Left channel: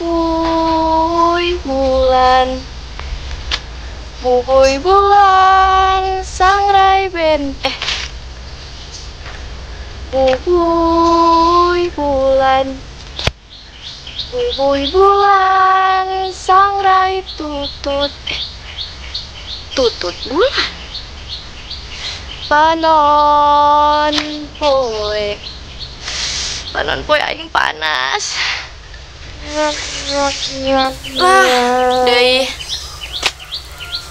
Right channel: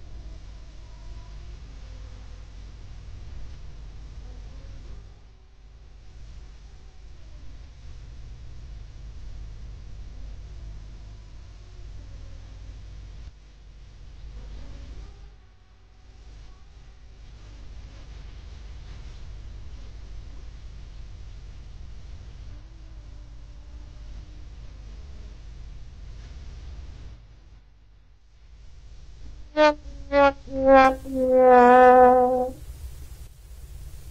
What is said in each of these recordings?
Bubuy bulan, bubuy bulan, sangrai ben. Bubuy bulan, bubuy bulan, sangrai tutut. Tutut bulan. Panon poe, panon poe aing panas. Deui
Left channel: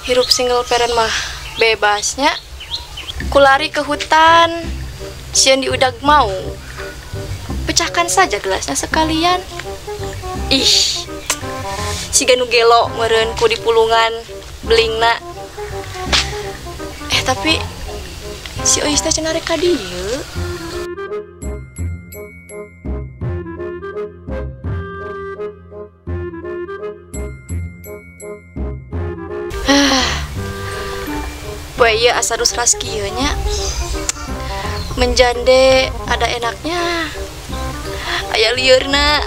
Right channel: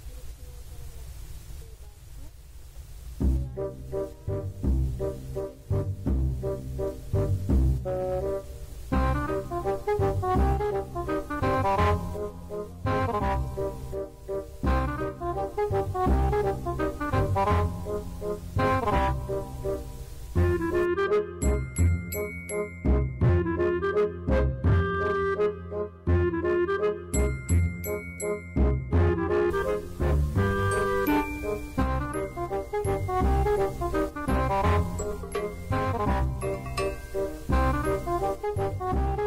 hirup single parent mah bebasnya. Kulari ke hutan, sieun diudag mau. Pecahkan saja gelasnya sekalian. Ih, si ganu gelo meureun ku di pulungan belingna. Tapi si Ois teh cenah rek ka dieu. Poe ieu asa rusras kieu nya. Menjande ada enaknya. Aya liurna.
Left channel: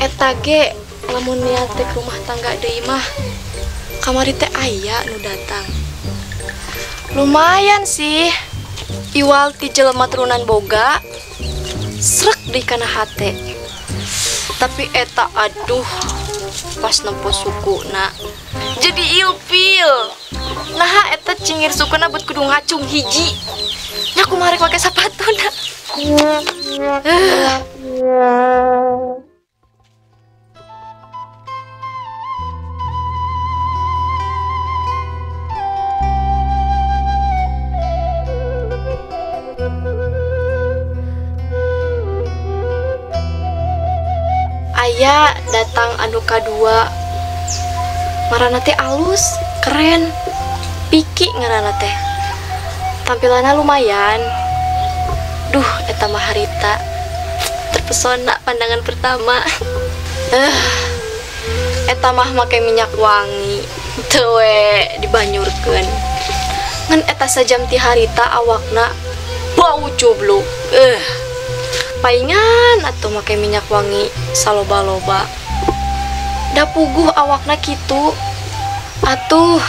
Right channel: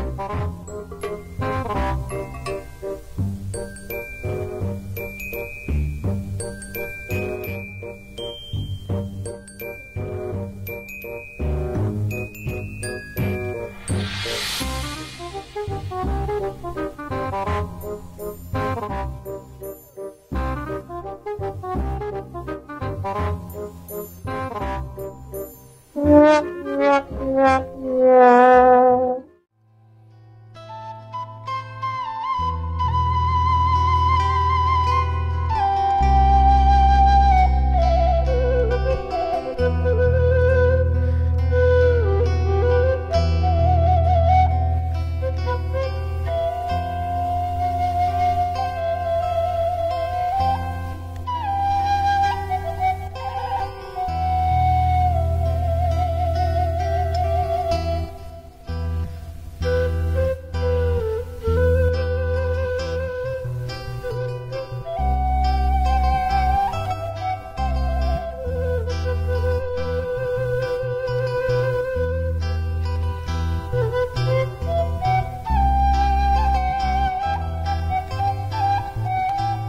Eta ge lamun niat teh rumah tangga deui mah kamari teh aya nu datang. Lumayan sih, iwal ti jelema turunan boga, srek di kana hate. Tapi eta aduh, pas nempo sukuna, jadi ilfil. Nah eta cingir sukuna buat kudu ngacung hiji. Nya kumaha rek make sapatuna. Datang anu kadua, marana teh alus, keren, piki ngaranna teh. Tampilanna lumayan. Duh, eta mah harita terpesona pandangan pertama. Eta mah make minyak wangi, teu we dibanyurkeun. Ngan eta sajam ti harita awakna bau joblok. Paingan atuh make minyak wangi saloba-loba. Da puguh awakna kitu. Atuh,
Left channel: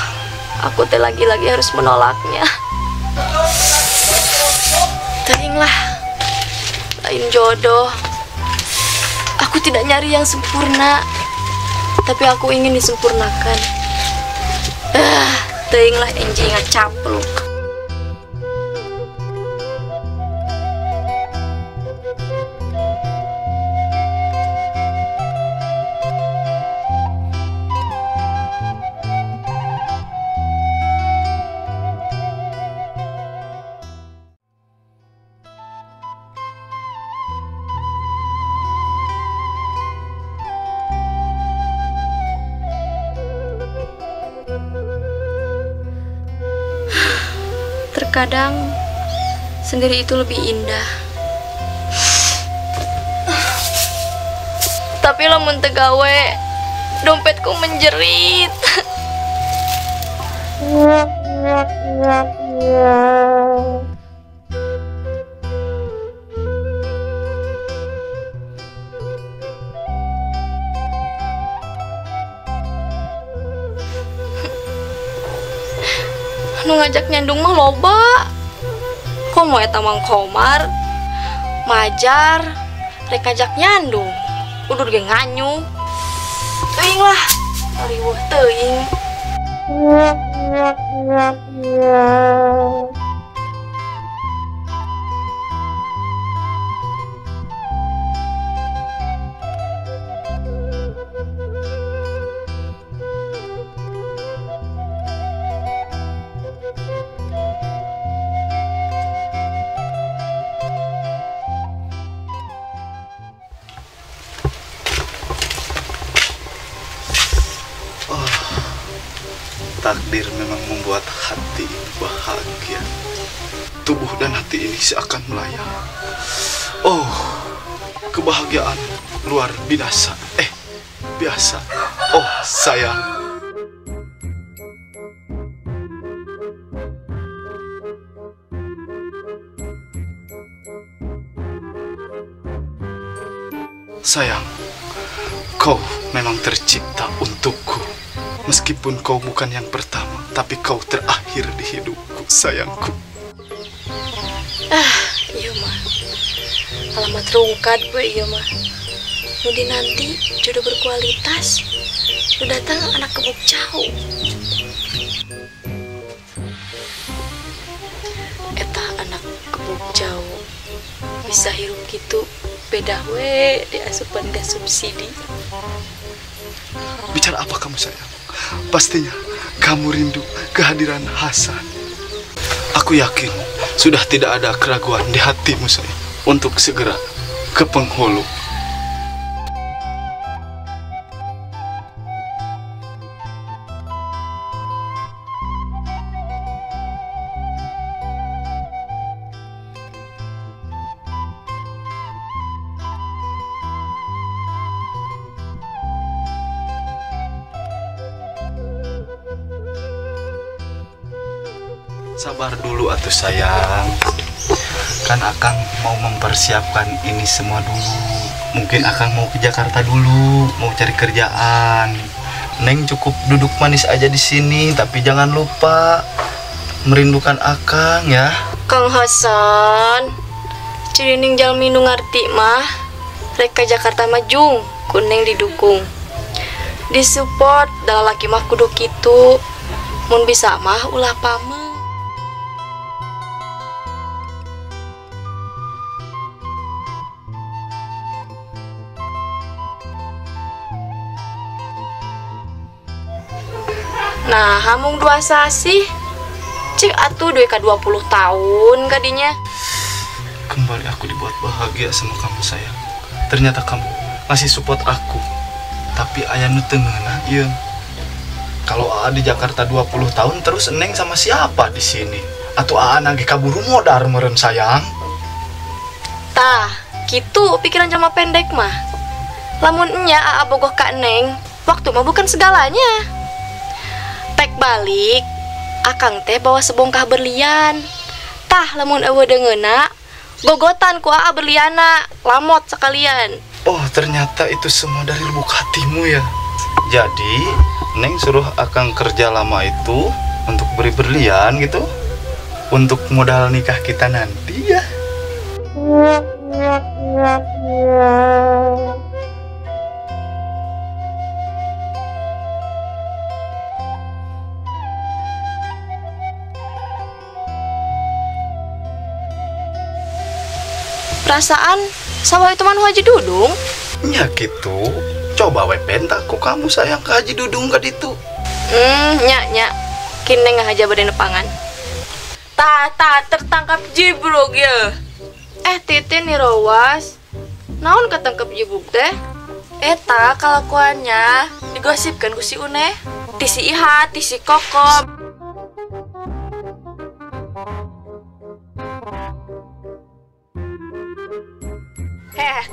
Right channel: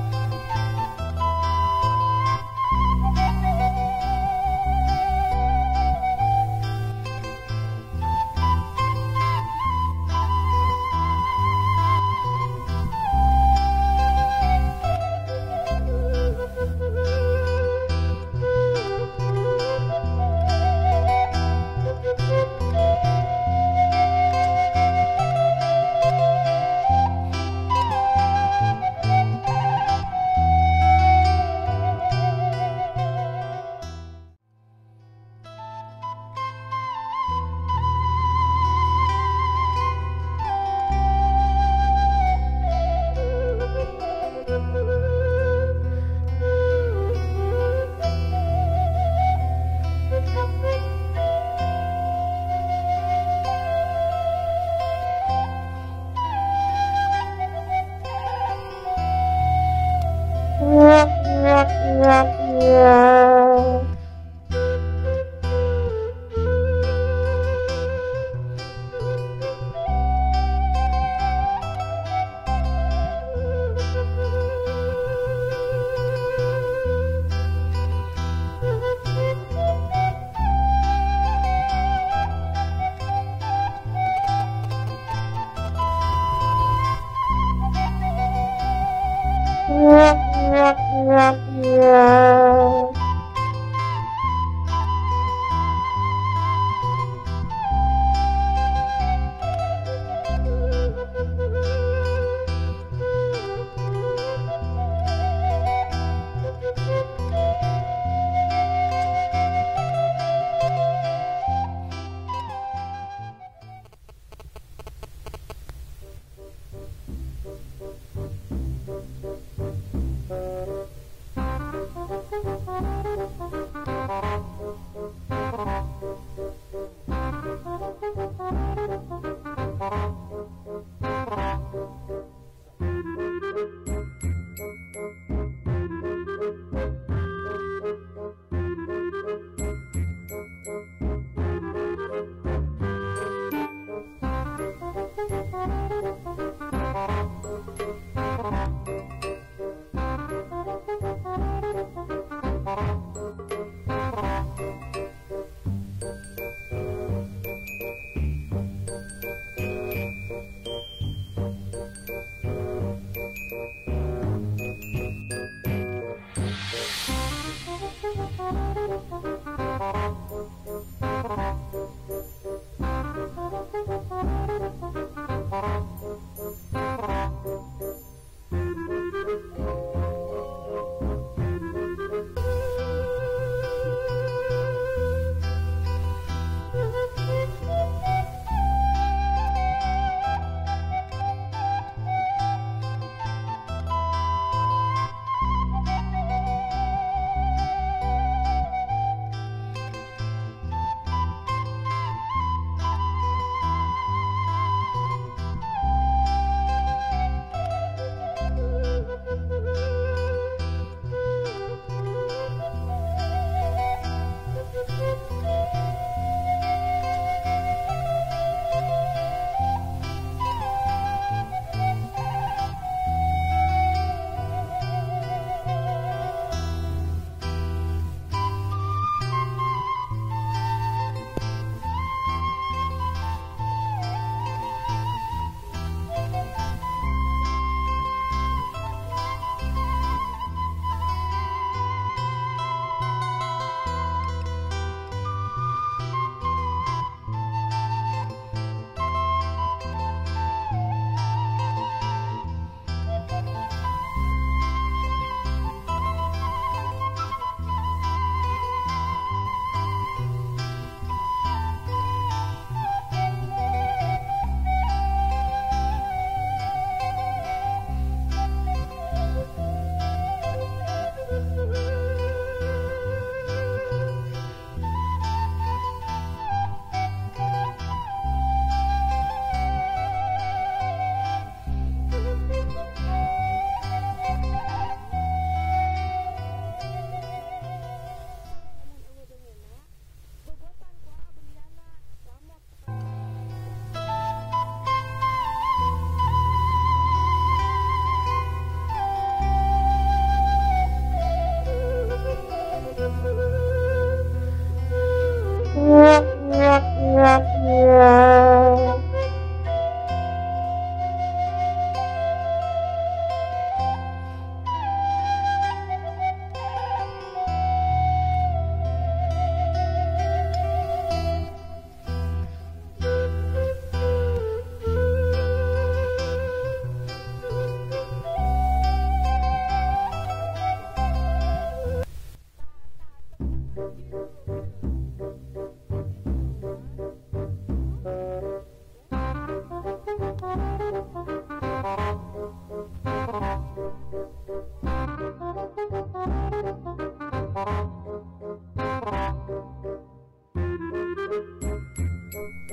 aku teh lagi-lagi harus menolaknya. Teuing lah, lain jodoh. Aku tidak nyari yang sempurna, tapi aku ingin disempurnakan. Teuing lah enjing ngacapluk. Terkadang sendiri itu lebih indah. Tapi lamun teu gawe, dompetku menjerit. Nu ngajak nyandung mah loba. Komo eta Mang Komar, Majar, rek ngajak nyandung. Udur ge nganyu. Teuing lah, riweuh teuing. Takdir memang membuat hati bahagia. Tubuh dan hati ini seakan melayang. Oh, kebahagiaan luar biasa. Biasa. Oh, sayang. Sayang, Kau memang tercipta untukku. Meskipun kau bukan yang pertama, tapi kau terakhir di hidupku, sayangku. Iya mah. Alamat rungkat gue iya mah. Nudi nanti jodoh berkualitas. Lu datang anak kebuk jauh. Eta anak kebuk jauh. Bisa hirup gitu. Beda we di asupan gas subsidi. Bicara apa kamu sayang? Pastinya kamu rindu kehadiran Hasan. Aku yakin sudah tidak ada keraguan di hatimu sayang untuk segera ke penghulu. Sabar dulu atuh sayang. Kan Akang mau mempersiapkan ini semua dulu. Mungkin Akang mau ke Jakarta dulu, mau cari kerjaan. Neng cukup duduk manis aja di sini, tapi jangan lupa merindukan Akang ya. Kang Hasan, cirining jalmi nu ngarti mah rek ka Jakarta maju, kuning didukung. Disupport da laki mah kudu kitu. Mun bisa mah ulah pameh. Nah, hamung dua sasi cik atuh duit ka 20 tahun kadinya. Kembali aku dibuat bahagia sama kamu sayang. Ternyata kamu masih support aku. Tapi aya nu teu ngeunah ieu. Kalau Aa di Jakarta 20 tahun terus Neng sama siapa di sini? Atuh Aa nage kaburu modar meureun sayang. Tah, kitu pikiran jelema pendek mah. Lamun enya Aa bogoh ka Neng, waktu mah bukan segalanya. Tek balik, Akang teh bawa sebongkah berlian. Tah lamun eueuh deungeuna, gogotan ku Aa berliana, lamot sekalian. Oh, ternyata itu semua dari lubuk hatimu ya. Jadi, Neng suruh Akang kerja lama itu untuk beri berlian gitu. Untuk modal nikah kita nanti ya. Perasaan sawah itu manu Haji Dudung. Ya gitu. Coba we bentak ku kamu sayang ke Haji Dudung ka ditu. Nya. Kini ngahaja bade nepangan. Tah tertangkap jibruk ya. Titin nih Rawas. Naon ketangkep jibruk teh? Eta kalakuannya digosipkan ku si Une, ti si Iha, ti si Kokom.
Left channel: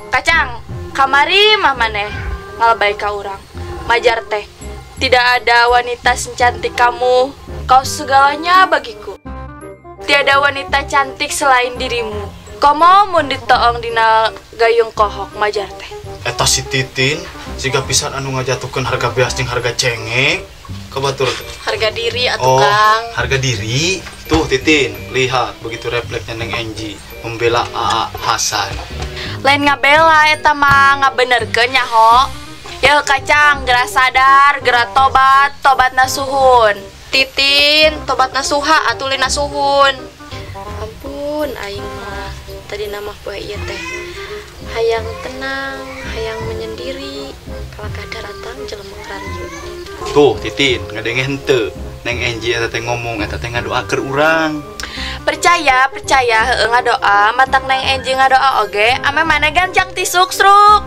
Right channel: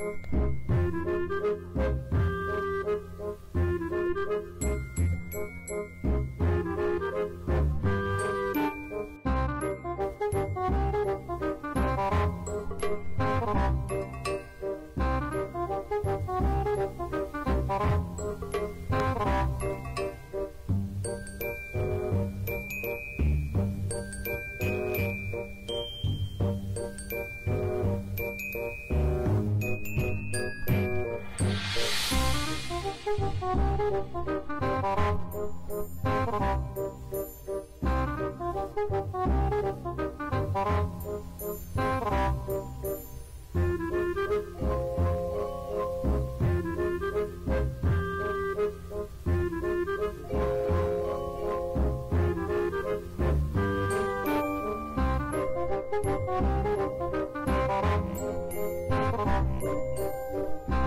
Kacang, kamari mah maneh ngalabay ka urang. Majar teh, tidak ada wanita secantik kamu. Kau segalanya bagiku. Tiada wanita cantik selain dirimu. Komo mun ditoong dina gayung kohok. Majar teh. Eta si Titin jika pisan anu ngajatukeun harga beas jeung harga cengek. Kebatur Harga diri atuh Kang. Harga diri. Tuh Titin, lihat begitu refleksnya Neng Enji membela Aa Hasan. Lain ngabela eta mah ngabenerkeun nya ho. Yeuh Kacang, geura sadar, geura tobat nasuhun. Titin, tobat nasuha atuh lina suhun. Ampun aing mah tadi nama poe ieu teh. Hayang tenang, hayang menyendiri. Kalau kada datang jelema ranju. Tuh Titin, ngadenge henteu. Neng Enji eta teh ngomong eta teh ngadoakeun urang. Percaya heueuh ngadoa, matang Neng Enji ngadoa oge, ame maneh gancang ti suksruk.